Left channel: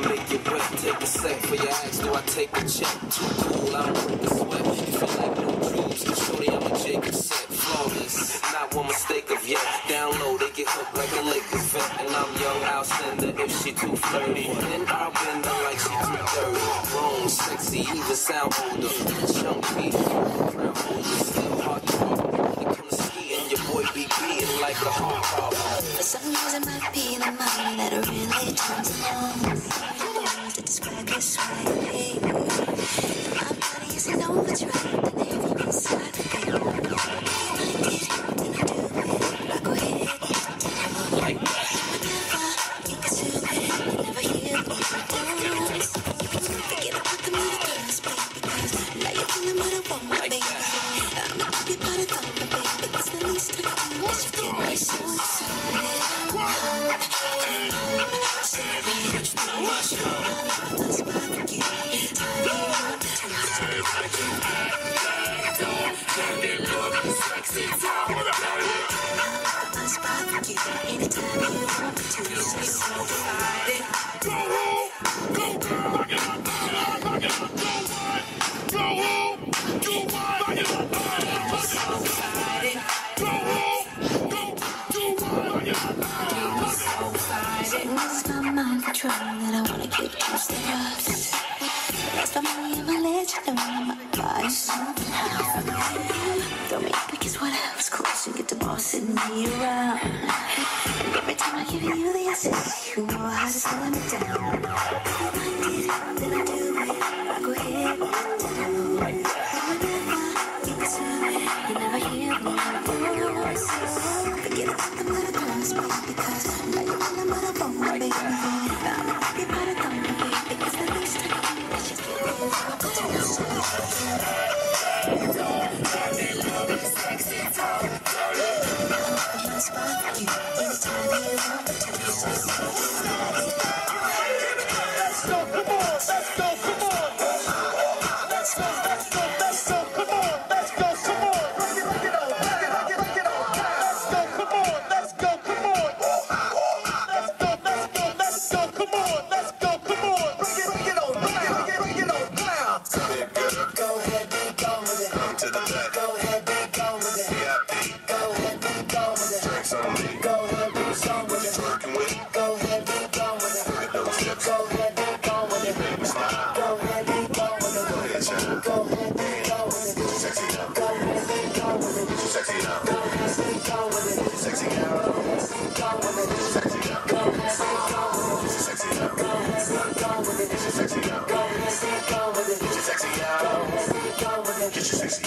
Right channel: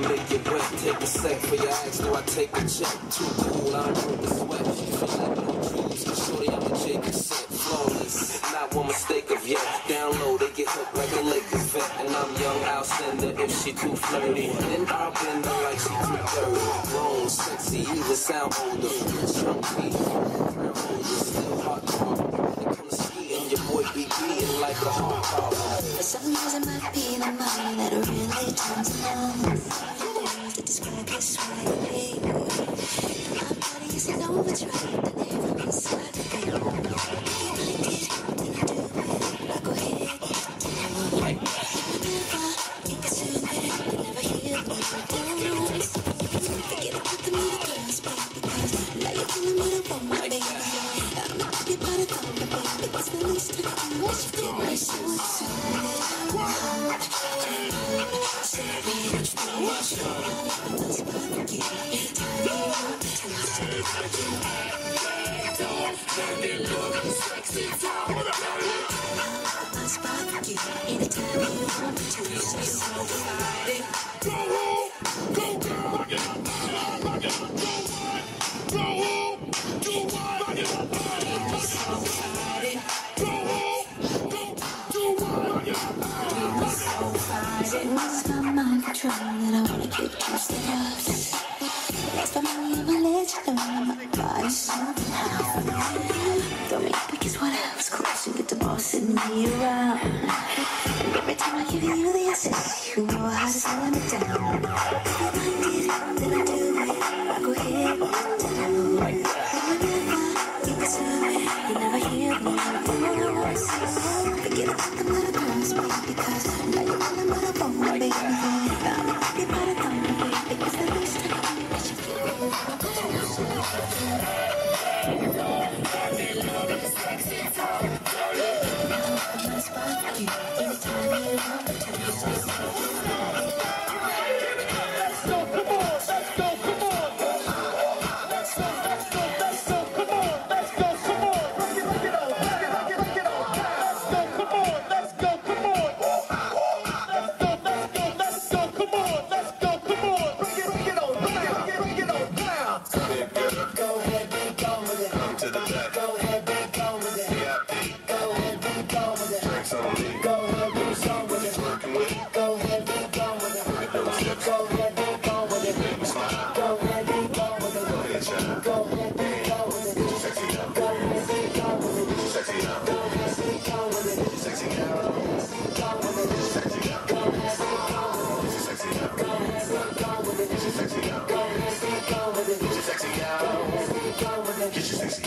make it wet. Take a sec for your ass, do I take a check? Too cool, I don't break a sweat. You feel like no jewels, shorty, I'm a Jacob set. Flawless, not one mistake of yet. Down low, they get hooked like a Lakers vet. And I'm young, I'll send her if she too flirty. Then I'll bend her like she too dirty. Grown, sexy, even sound older. Chunky, crown holder, still hot dog. When it comes to skiing, your boy be beating like a hard dog. For some reason, might be the money that really turns him on. I don't know to describe his swag, baby. My body is an overdrive, then heavy inside the game. I like it, then I do it. I go ahead, like that. You can say it, you never hear the words. Forget about the middle girls, baby, because now you're feeling what I want, baby. I'm not happy about it, though, baby. It's the least I can do. What you get me so excited. It's my mind control that I wanna keep close to us. Lost my money and my legs, you know my body's something else. Don't make because what else close and get the boss sitting me around. And every time I give you the assist, you know how to slow me down. If you like it, then I do it. I go ahead, like that. Whenever you can serve it, you never hear me voice. Forget about the little girls, baby, because now you're feeling what I want, baby. I'm not happy about it, though, baby, because the least I can do is you feel Get your sexy